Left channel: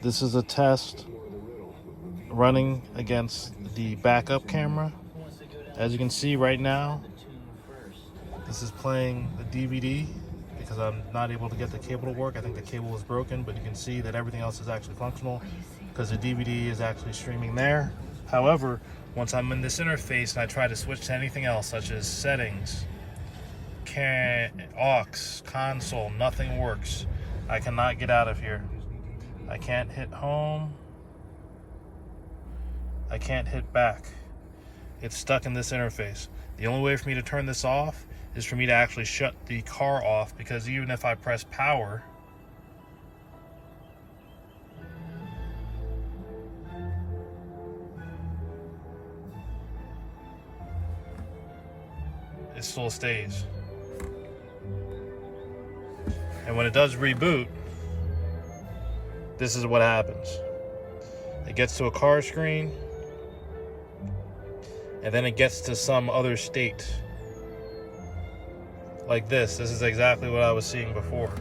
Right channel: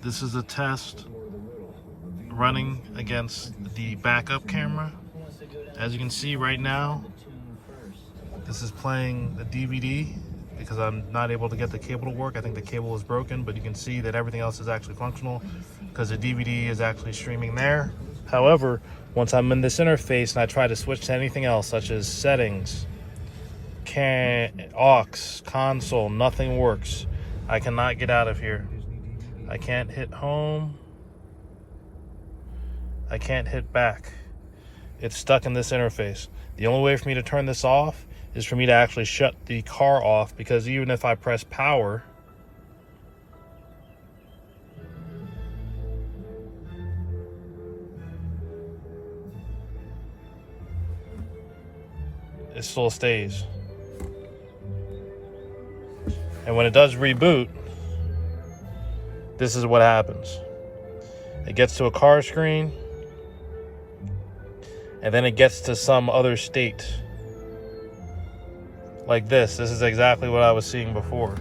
This is a test running against the backup camera. As you can see right now, this is playing the DVD because I'm not able to get the cable to work. I think the cable is broken, but you can see that everything else is actually functional because the DVD is actually streaming there. However, once I'm in this interface and I try to switch to anything else, such as settings, aux, console, nothing works. I cannot get out of here. I can't hit home. I can't hit back. It's stuck in this interface. The only way for me to turn this off is for me to actually shut the car off, because even if I press power, it still stays. And when it does reboot, this is what happens. It gets to a car screen, and then it gets to some other state. Like this. This is exactly what I was seeing before.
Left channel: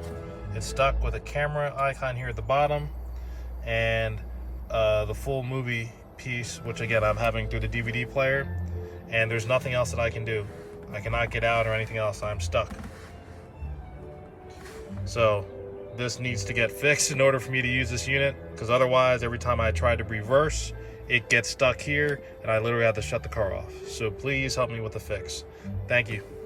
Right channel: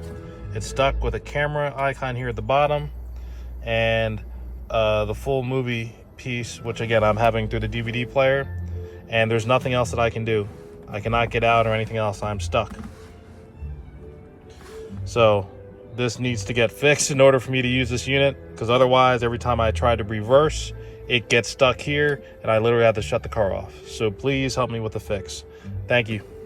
It's stuck with a camera icon here at the bottom, and the full movie piece, which again I'm having through the DVD player, and there's nothing else that I can do. I cannot get out or anything else. I'm stuck. So this needs to get fixed in order for me to use this unit, because otherwise every time I try to reverse, it gets stuck here and I literally have to shut the car off. So please help me with the fix. Thank you.